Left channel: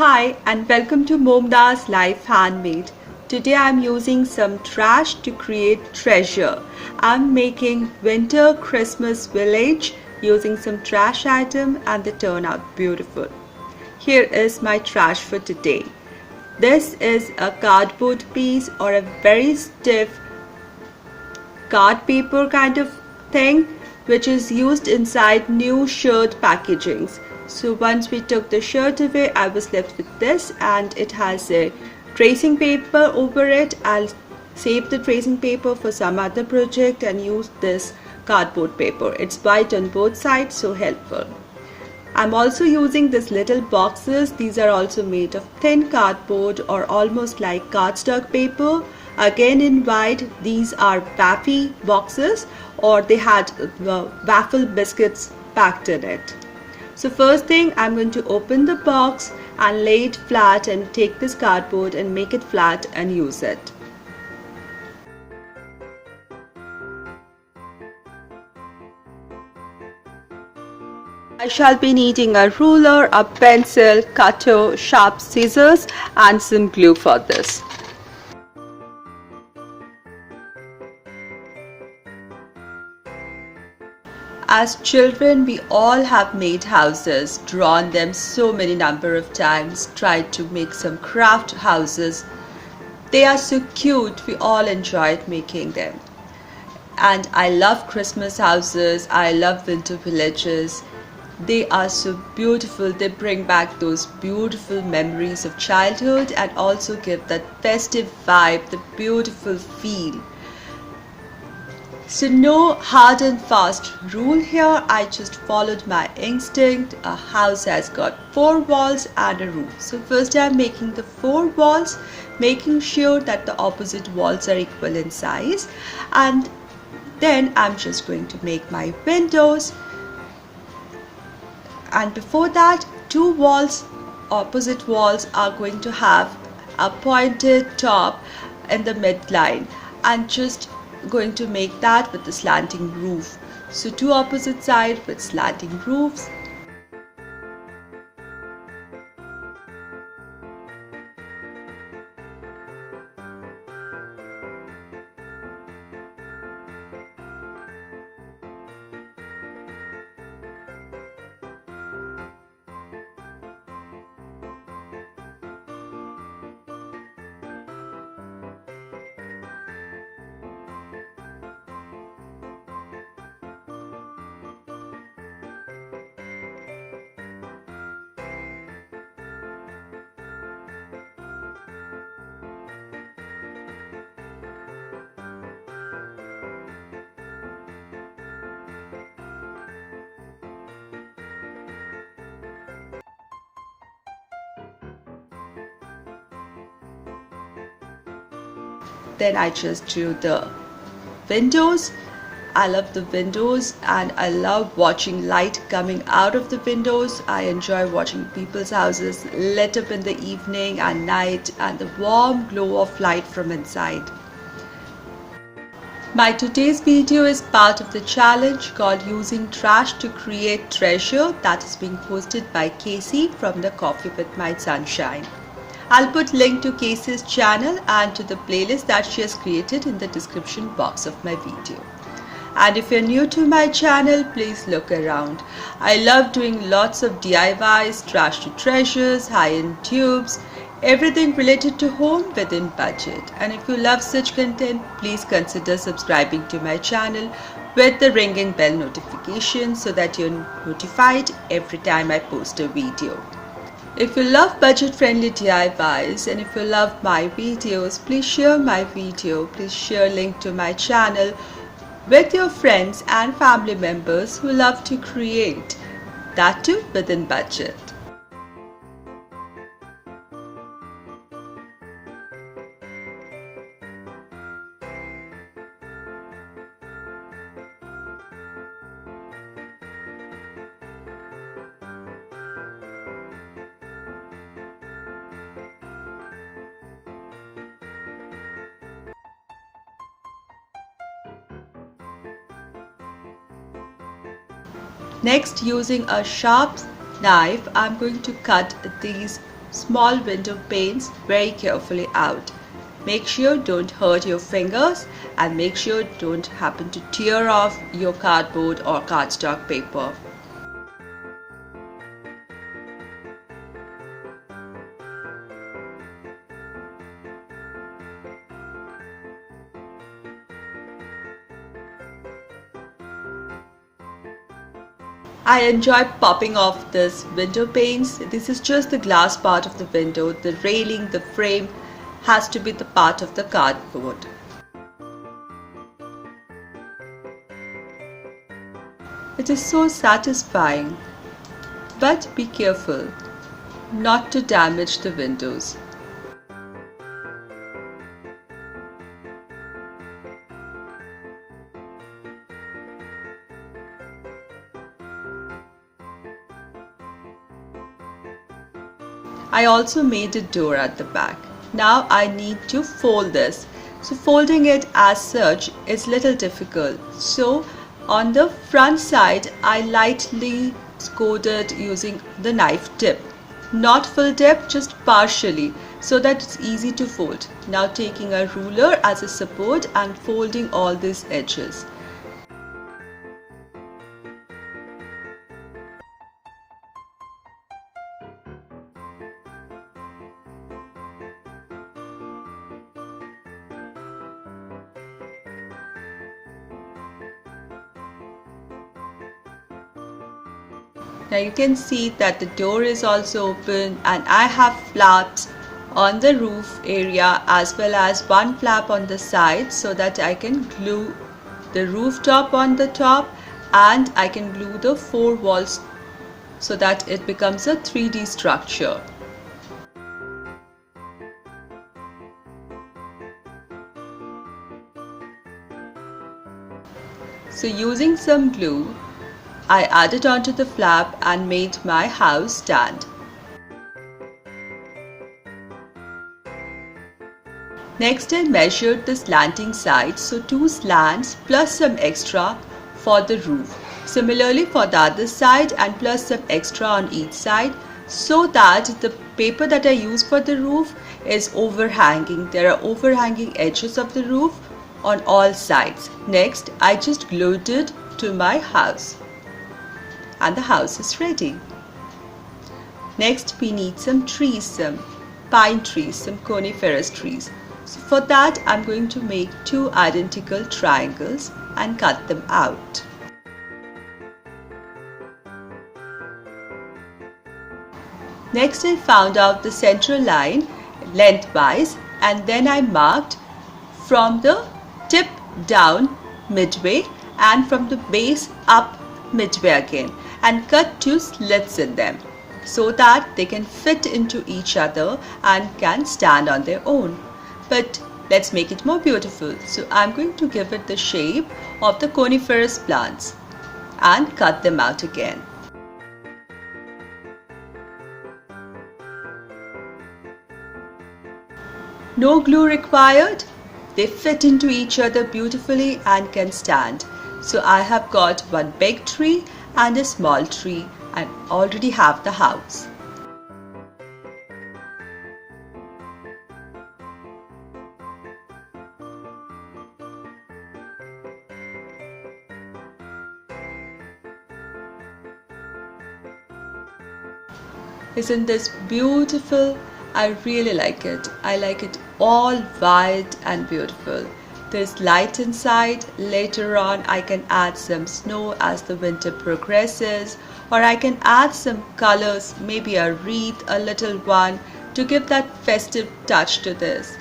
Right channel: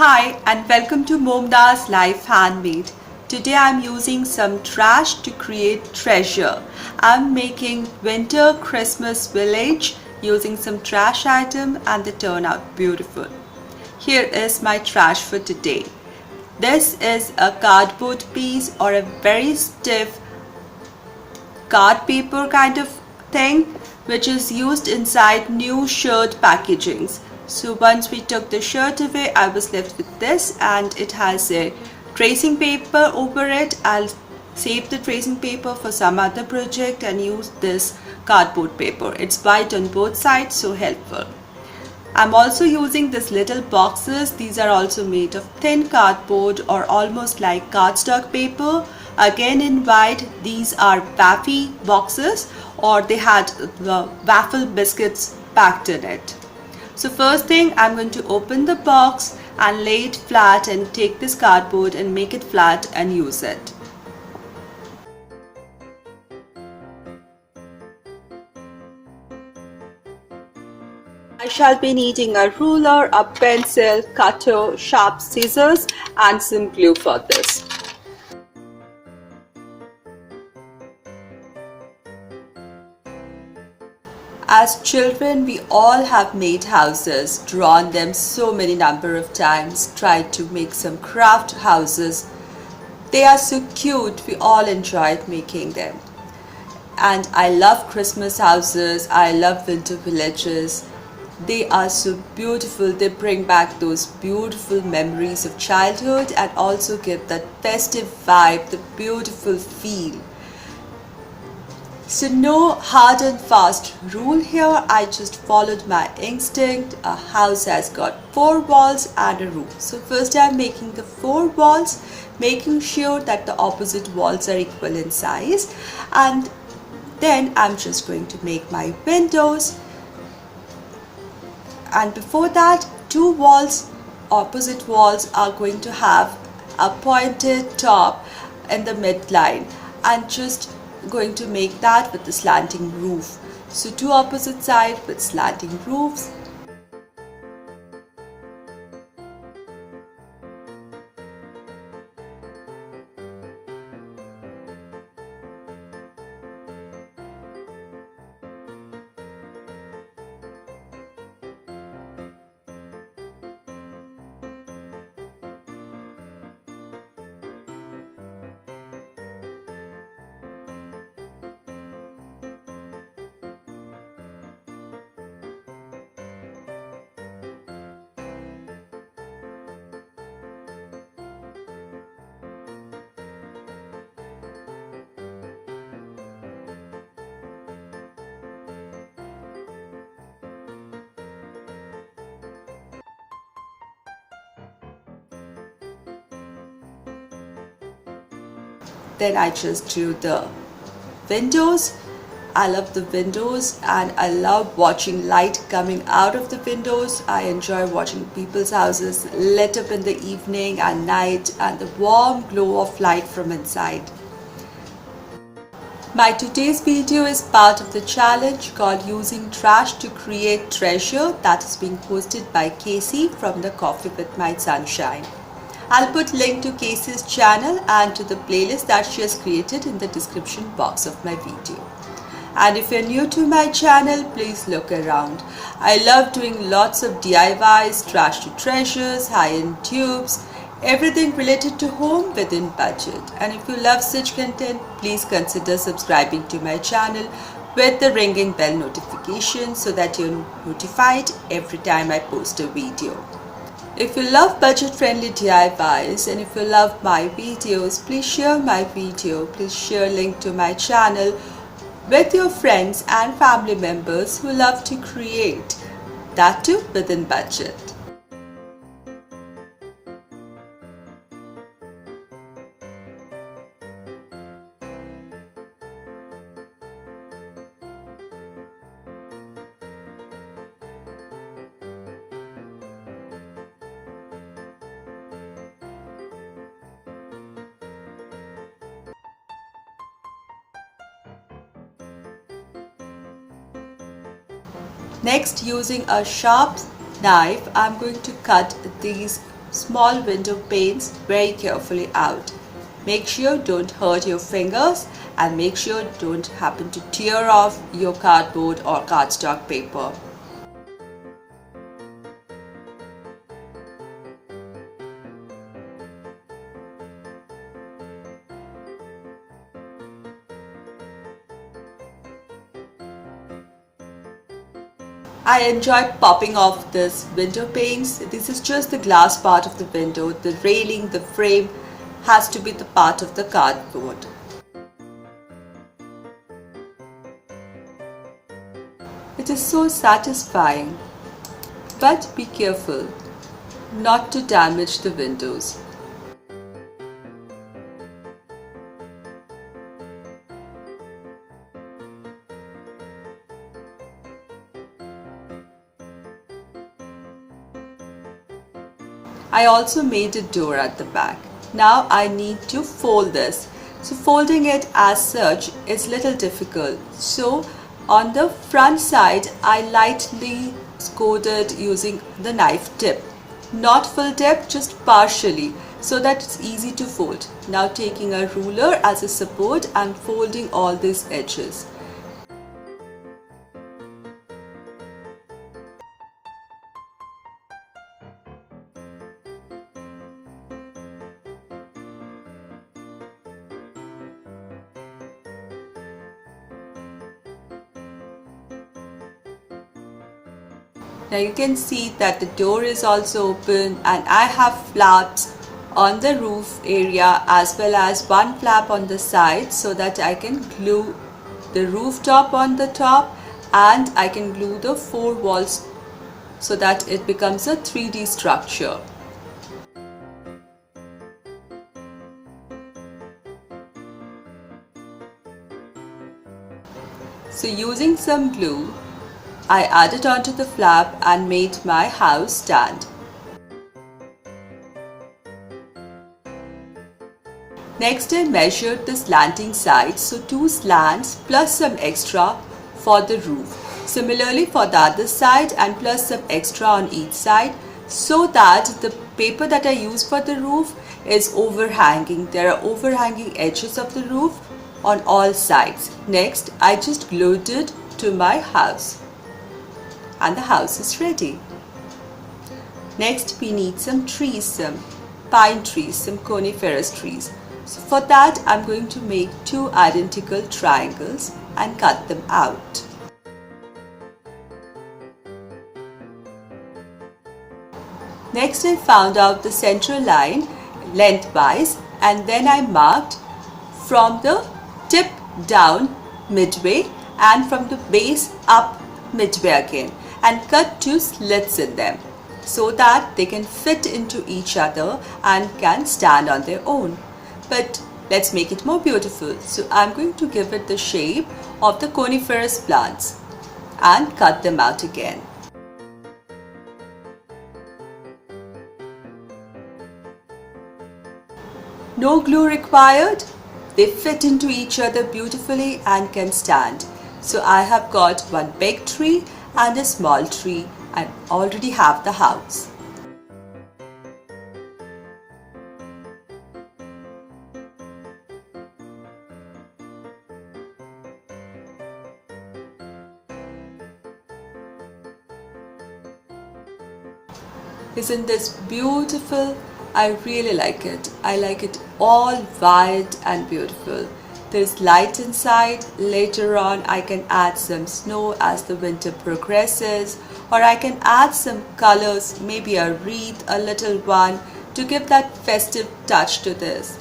Hi and welcome to Momda's Life Handmade. Today I'm using some trash to create treasure. I'm making winter Christmas village using some trash item and they turn out beautiful. Here is my trash for today. This is a cardboard piece or a very stiff card paper kind of thing which is used inside new shirt packagings. So once we took the shirt away, I was left with this and it has a tracing paper over it. I'll save the tracing paper for some other project and use this cardboard paper. It's white on both sides, so helpful. I'm also using these little boxes. These are also made of thin cardboard or almost like cardstock paper. Again in white, these are waffy boxes or they had the waffle biscuits packed in it. So first thing, I'm going to open the box and lay it flat and take this cardboard and make it flat and use it. I shall be needing a ruler, a pencil, cutter, sharp scissors and some glue for this. As children, we all have made houses, drawn them so many number of times, tried to make some craft houses. They are so cute, we all enjoyed making them. And I love Christmas houses, I love winter villages. They are so beautiful. They bring back those beautiful memories of childhood and also give that festive vibe, the beautiful feel. So no hard and fast rule here. I just followed my instinct. A house has got 4 walls and a roof. So first I'm making the 4 walls, making sure that the opposite walls are equal in size. And then I'm just going to make my windows. And before that, 2 walls, opposite walls are going to have a pointed top in the midline and just going to make that with the slanting roof. So 2 opposite sides with slanting roofs. Then I just drew the windows. I love the windows and I love watching light coming out of the windows. I enjoy watching people's houses lit up in the evening and night and the warm glow of light from inside. My today's video is part of the challenge called Using Trash to Create Treasure that is being hosted by Casey from the Coffee with My Sunshine. I'll put link to Casey's channel and to the playlist that she has created in the description box of my video. And if you're new to my channel, please look around. I love doing lots of DIYs, trash to treasures, high-end tubes, everything related to home within budget. And if you love such content, please consider subscribing to my channel with the ringing bell notification so that you're notified every time I post a video. If you love budget-friendly DIYs and if you love my videos, please share my video. Please share a link to my channel with your friends and family members who love to create, that too within budget. Next, using a sharp knife, I'm going to cut these small window panes very carefully out. Make sure don't hurt your fingers and make sure don't happen to tear off your cardboard or cardstock paper. I enjoy popping off this window panes. This is just the glass part of the window. The railing, the frame has to be the part of the cardboard. It is so satisfying. But be careful not to damage the windows. I also made a door at the back. Now I need to fold this. So folding it as such is little difficult. So on the front side I lightly coated using the knife tip. Not full dip, just partially, so that it's easy to fold. Now taking a ruler as a support and folding all these edges. Now you can see that the door is also open and I have flaps on the roof area as well as one flap on the side so that I can glue the rooftop on the top and I can glue the four walls so that it becomes a 3D structure. So using some glue, I added onto the flap and made my house stand. Next I measured the slanting sides, so 2 slants plus some extra for the roof. Similarly for the other side and plus some extra on each side so that the paper that I use for the roof is overhanging. There are overhanging edges of the roof on all sides. Next I just glued it to my house. And the house is ready. Next we need some trees, some pine trees, some coniferous trees. So for that I'm going to make 2 identical triangles and cut them out. Next I found out the central line lengthwise and then I marked from the tip down midway and from the base up midway again and cut 2 slits in them so that they can fit into each other and can stand on their own. But let's make it more beautiful. So I'm going to give it the shape of the coniferous plants and cut them out again. No glue required. They fit into each other beautifully and can stand. So I have got one big tree and a small tree and already have the house. Isn't this beautiful? I really like it. I like it all white and beautiful. There's light inside. Later on I can add some snow as the winter progresses, or I can add some colors, maybe a wreath, a little one, to give that festive touch to this.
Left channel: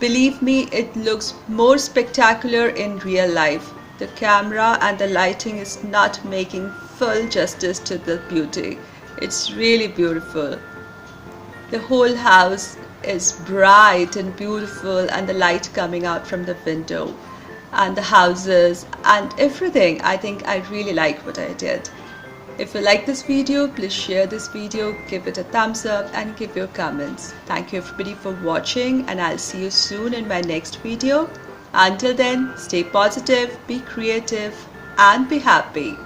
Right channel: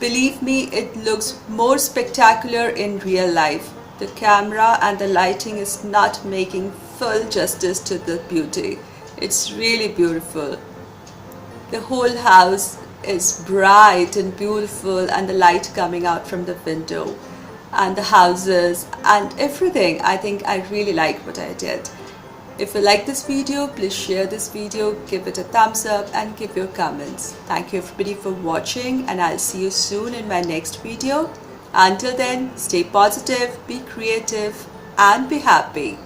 Believe me, it looks more spectacular in real life. The camera and the lighting is not making full justice to the beauty. It's really beautiful. The whole house is bright and beautiful and the light coming out from the window and the houses and everything. I think I really like what I did. If you like this video, please share this video, give it a thumbs up and give your comments. Thank you everybody for watching and I'll see you soon in my next video. Until then, stay positive, be creative and be happy.